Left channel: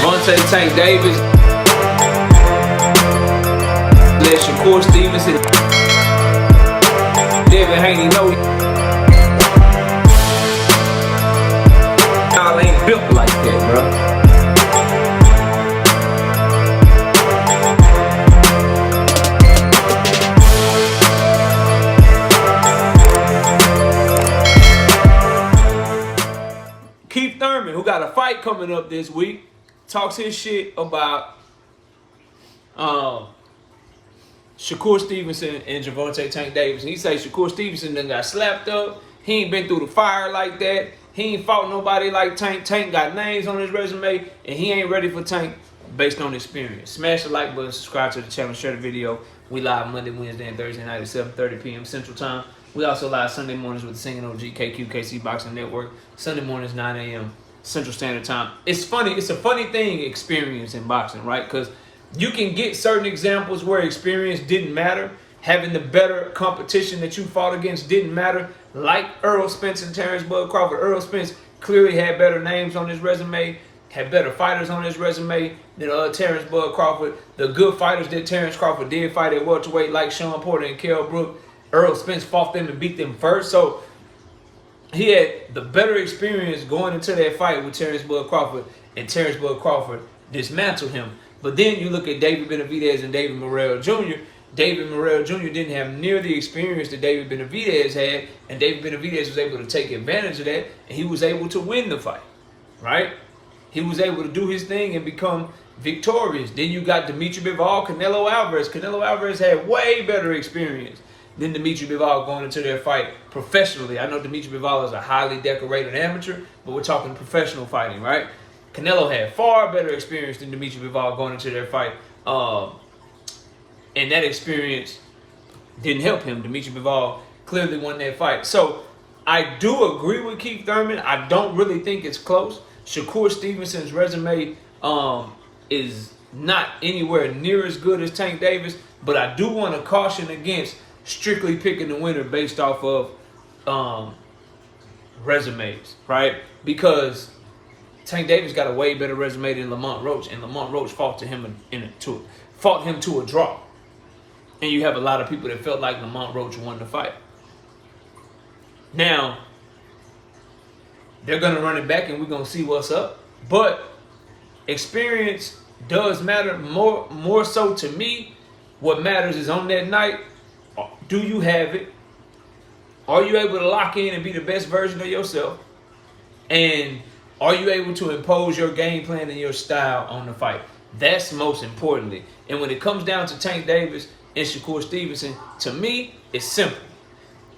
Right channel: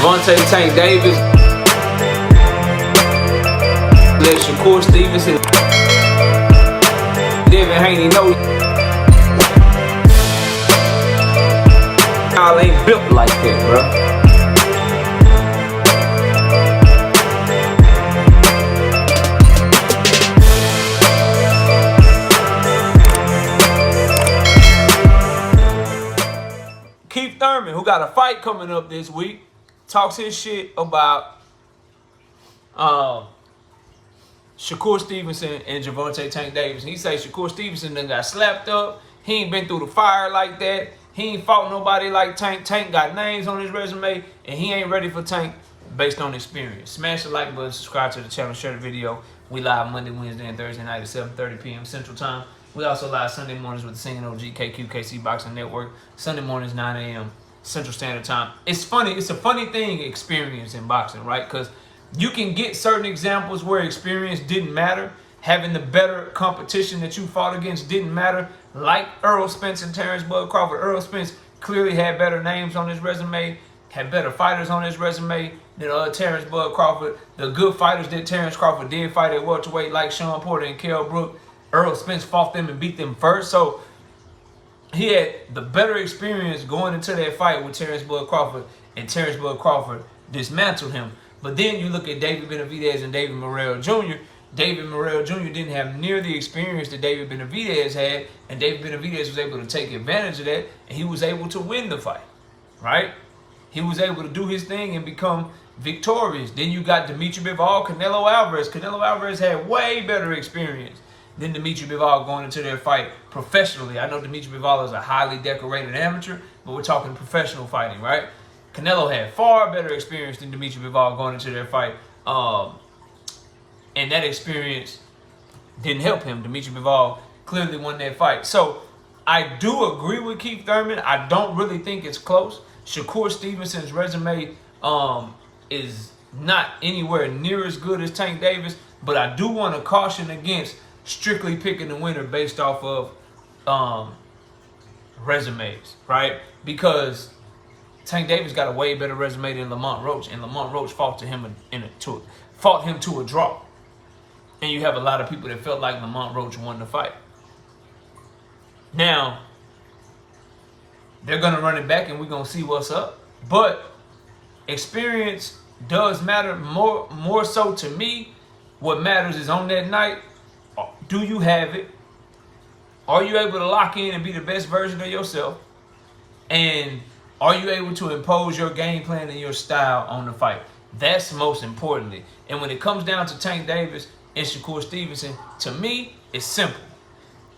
Gervonta Tank Davis. Let Shakur Stevenson. Devin Haney know y'all ain't built like that, bro. Thurman, who got a fight coming up this week, talks his shit about Shakur Stevenson and Gervonta Tank Davis. And he say Shakur Stevenson done got slapped up. He ain't been through the fire like that. He ain't fought nobody like Tank. Tank got names on his resume, and he ain't ready for Tank based on experience. Smash the like button, subscribe to the channel, share the video. We live Monday, Wednesday, and Thursday night at 7:30 p.m. Central Time. We also live Sunday mornings with the Singing OG KC Boxing Network. Sunday mornings, 9 a.m. Central Standard Time. It's funny. It's a funny thing, experience in boxing, right? Because you can get certain examples where experience didn't matter. Having the better competition that you fought against didn't matter. Like Errol Spence and Terrence Bud Crawford. Errol Spence clearly had better names on his resume, had better fighters on his resume than Terrence Bud Crawford. The good fighters that Terrence Crawford did fight at welterweight, like Sean Porter and Kell Brook, Errol Spence fought them and beat them first. So he had the better experience going into that fight with Terrence Bud Crawford, and Terrence Bud Crawford dismantled him. But then you look at David Benavidez and David Morrell Jr. David Morrell Jr. didn't have near the experience that David Benavidez had, and David Benavidez was able to take advantage of that, and he was able to win the fight, right? He was able to do his thing and become victorious. Then you got Dimitri Bivol, Canelo Alvarez. Canelo Alvarez had way better experience than Dimitri Bivol going into their fight professionally. I know Dimitri Bivol is a highly decorated amateur, but we're talking professional fighting, right? Canelo had far better experience than Dimitri Bivol going into their fight. And that experience didn't help him. Dimitri Bivol clearly won that fight. So I do agree with Keith Thurman. I don't really think it's close. Shakur Stevenson's resume is not anywhere near as good as Tank Davis, but I do want to caution against strictly picking the winner based off of resumes, right? Because Tank Davis got a way better resume than Lamont Roach, and Lamont Roach fought him to a draw. And you have a lot of people that felt like Lamont Roach won the fight. Now, they're going to run it back, and we're going to see what's up. But experience does matter more so to me. What matters is on that night, do you have it? Are you able to lock in and be the best version of yourself? And are you able to impose your game plan and your style on the fight? That's most importantly. And when it comes down to Tank Davis and Shakur Stevenson, to me, it's simple.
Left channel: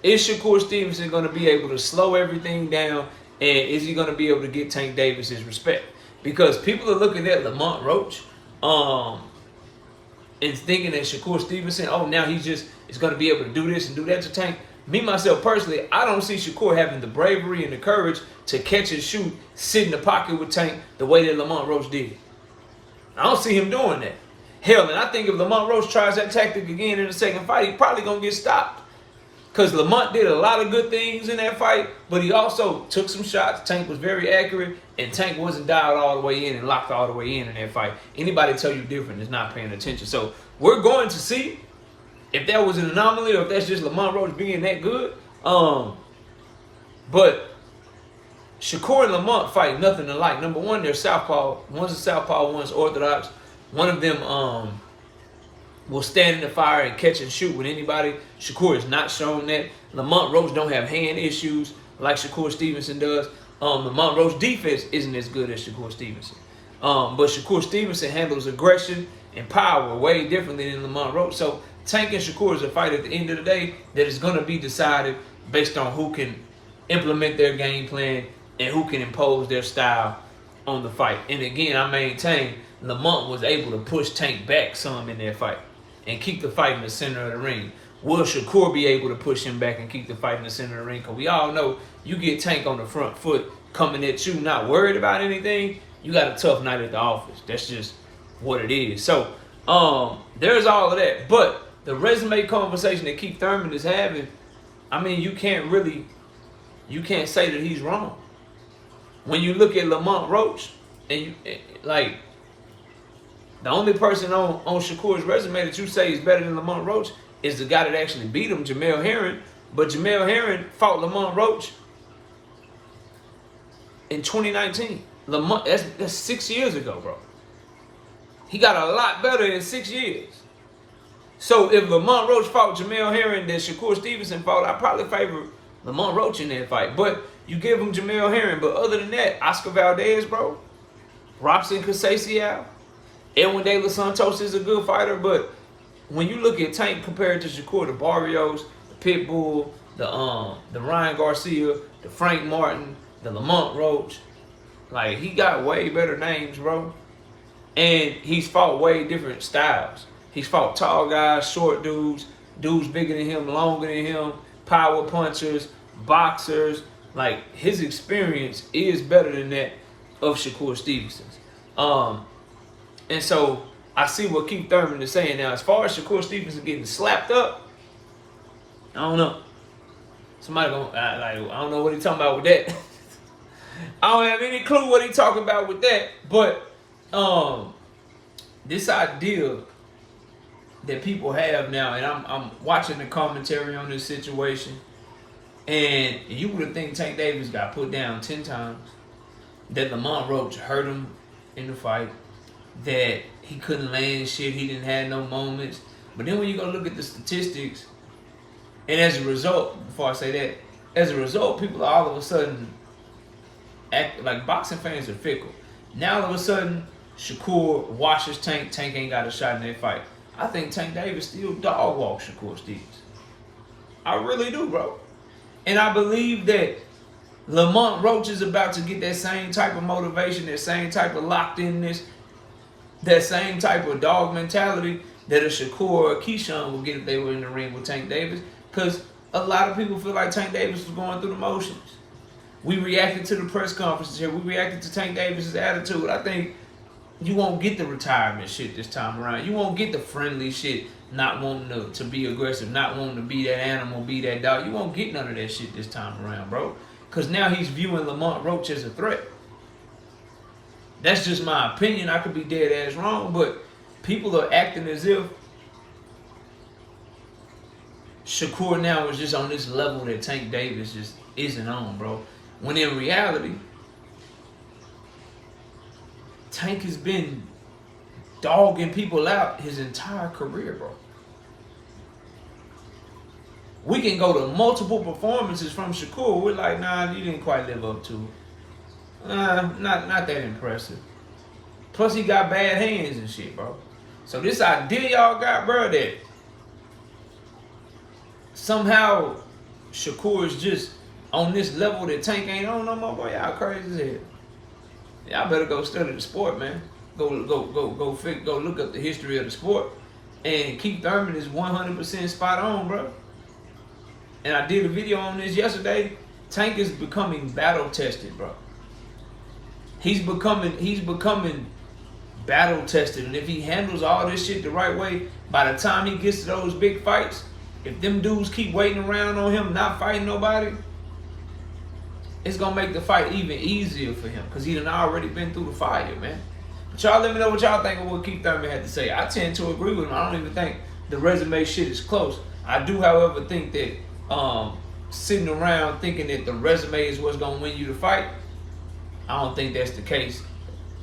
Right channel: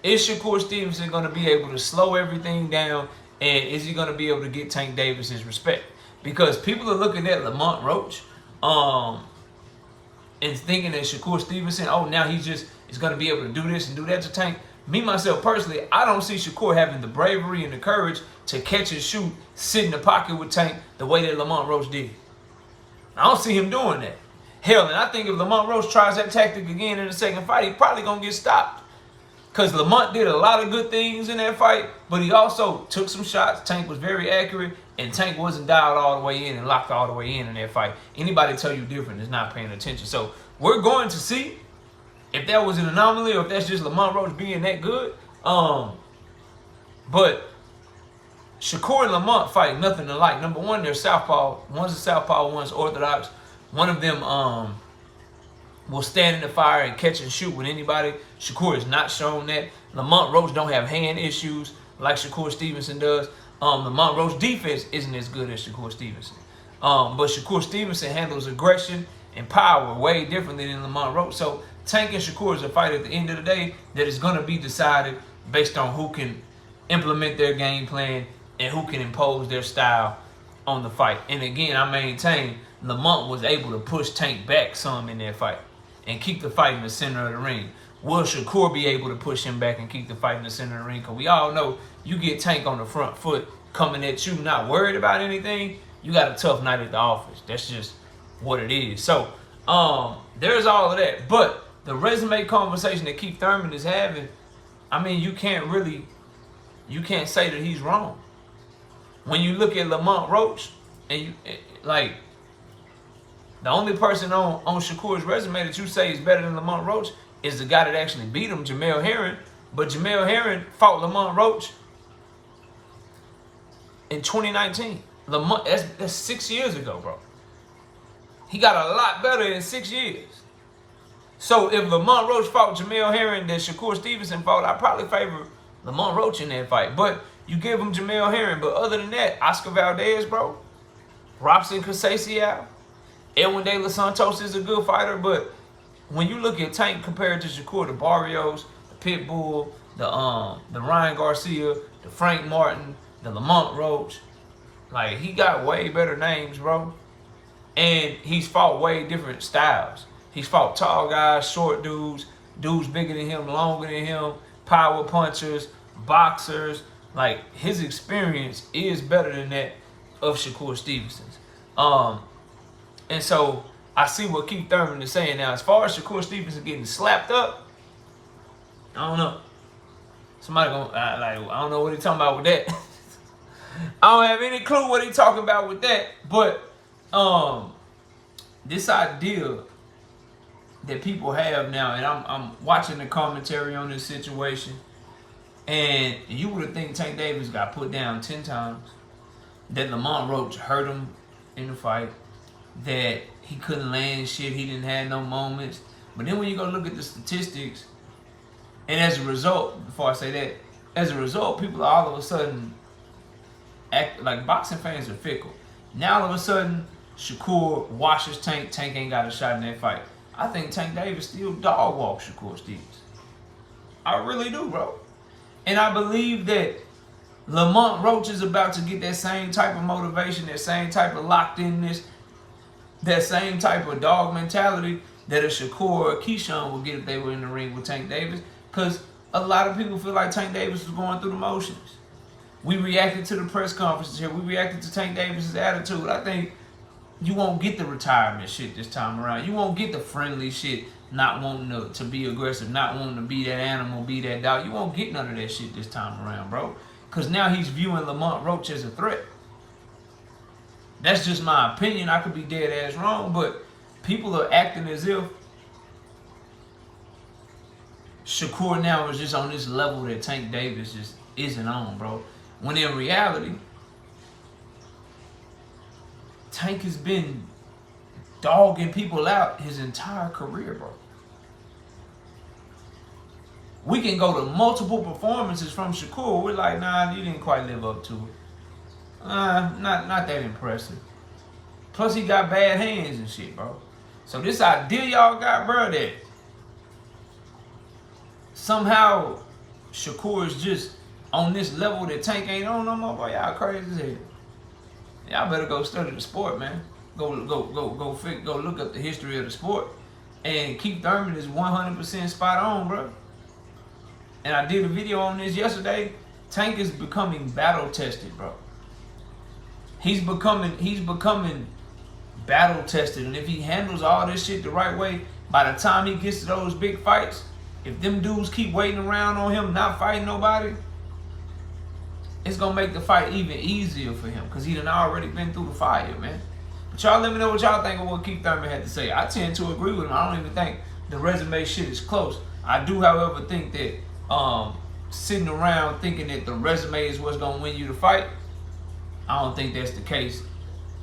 Is Shakur Stevenson going to be able to slow everything down? And is he going to be able to get Tank Davis his respect? Because people are looking at Lamont Roach and thinking that Shakur Stevenson, oh, now he's going to be able to do this and do that to Tank. Me, myself, personally, I don't see Shakur having the bravery and the courage to catch and shoot, sit in the pocket with Tank the way that Lamont Roach did. I don't see him doing that. Hell, and I think if Lamont Roach tries that tactic again in the second fight, he's probably going to get stopped. Because Lamont did a lot of good things in that fight, but he also took some shots. Tank was very accurate, and Tank wasn't dialed all the way in and locked all the way in that fight. Anybody tell you different is not paying attention. So we're going to see if that was an anomaly or if that's just Lamont Roach being that good. But Shakur and Lamont fight nothing alike. Number one, they're southpaw. One's a southpaw, one's orthodox. One of them will stand in the fire and catch and shoot with anybody. Shakur has not shown that. Lamont Roach don't have hand issues like Shakur Stevenson does. Lamont Roach defense isn't as good as Shakur Stevenson. But Shakur Stevenson handles aggression and power way differently than Lamont Roach. So Tank and Shakur is a fight at the end of the day that is going to be decided based on who can implement their game plan and who can impose their style on the fight. And again, I maintain Lamont was able to push Tank back some in that fight and keep the fight in the center of the ring. Will Shakur be able to push him back and keep the fight in the center of the ring? Because we all know you get Tank on the front foot coming at you, not worried about anything, you got a tough night at the office. That's just what it is. So there's all of that. But the resume conversation that Keith Thurman is having, I mean, you can't say that he's wrong. When you look at Lamont Roach, and The only person on Shakur's resume that you say is better than Lamont Roach is the guy that actually beat him, Jamel Herring. But Jamel Herring fought Lamont Roach in 2019. Lamont, that's 6 years ago, bro. He got a lot better in 6 years. So if Lamont Roach fought Jamel Herring that Shakur Stevenson fought, I probably favor Lamont Roach in that fight. But you give him Jamel Herring. But other than that, Oscar Valdez, bro, Robson Conceição, Edwin De Los Santos is a good fighter. But when you look at Tank compared to Shakur, the Barrios, the Pitbull, the Ryan Garcia, the Frank Martin, the Lamont Roach, like, he got way better names, bro. And he's fought way different styles. He's fought tall guys, short dudes, dudes bigger than him, longer than him, power punchers, boxers. Like, his experience is better than that of Shakur Stevenson's. And so I see what Keith Thurman is saying now. As far as Shakur Stevenson getting slapped up, I don't know. Somebody gonna I don't know what he talking about with that. I don't have any clue what he talking about with that. But this idea that people have now, and I'm watching the commentary on this situation, and you would have think Tank Davis got put down 10 times, that Lamont Roach hurt him in the fight, that he couldn't land shit, he didn't have no moments. But then when you go look at the statistics, and as a result, before I say that, as a result, people are all of a sudden act like boxing fans are fickle. Now all of a sudden, Shakur washes Tank. Tank ain't got a shot in that fight. I think Tank Davis still dog walk Shakur Stevens. I really do, bro. And I believe that Lamont Roach is about to get that same type of motivation, that same type of locked-inness, that same type of dog mentality that a Shakur or a Keyshawn would get if they were in the ring with Tank Davis. Because a lot of people feel like Tank Davis was going through the motions. We reacted to the press conferences here. We reacted to Tank Davis's attitude. I think you won't get the retirement shit this time around. You won't get the friendly shit, not wanting to be aggressive, not wanting to be that animal, be that dog. You won't get none of that shit this time around, bro. Because now he's viewing Lamont Roach as a threat. That's just my opinion. I could be dead ass wrong, but people are acting as if Shakur now is just on this level that Tank Davis just isn't on, bro. When in reality, Tank has been dogging people out his entire career, bro. We can go to multiple performances from Shakur. We're like, nah, you didn't quite live up to it. Not that impressive. Plus, he got bad hands and shit, bro. So this idea y'all got, bro, that somehow Shakur is just on this level that Tank ain't on no more, boy, y'all crazy as hell. Y'all better go study the sport, man. Go look up the history of the sport. And Keith Thurman is 100% spot on, bro. And I did a video on this yesterday. Tank is becoming battle tested, bro. He's becoming battle tested. And if he handles all this shit the right way, by the time he gets to those big fights, if them dudes keep waiting around on him, not fighting nobody, it's gonna make the fight even easier for him because he done already been through the fire, man. But y'all let me know what y'all think of what Keith Thurman had to say. I tend to agree with him. I don't even think the resume shit is close. I do, however, think that sitting around thinking that the resume is what's gonna win you the fight, I don't think that's the case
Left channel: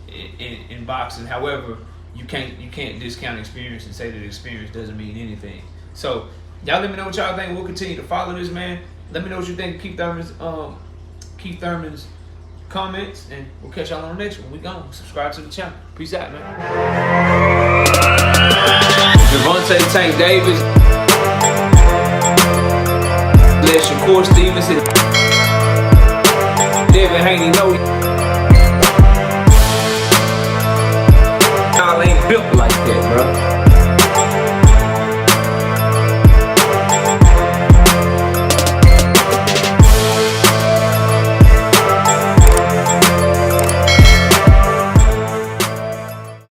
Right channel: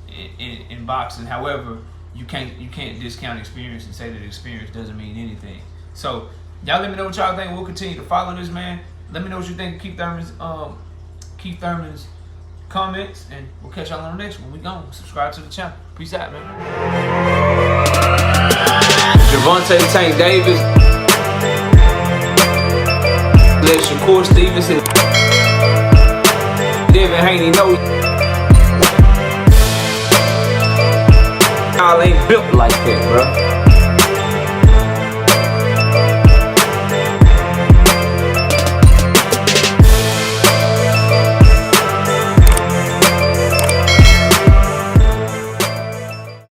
in boxing. However, you can't discount experience and say that experience doesn't mean anything. So y'all let me know what y'all think. We'll continue to follow this, man. Let me know what you think of Keith Thurman's comments, and we'll catch y'all on the next one. We gone. Subscribe to the channel. Peace out, man. Gervonta Tank Davis. Let Shakur Stevenson. Devin Haney know y'all ain't built like that, bro.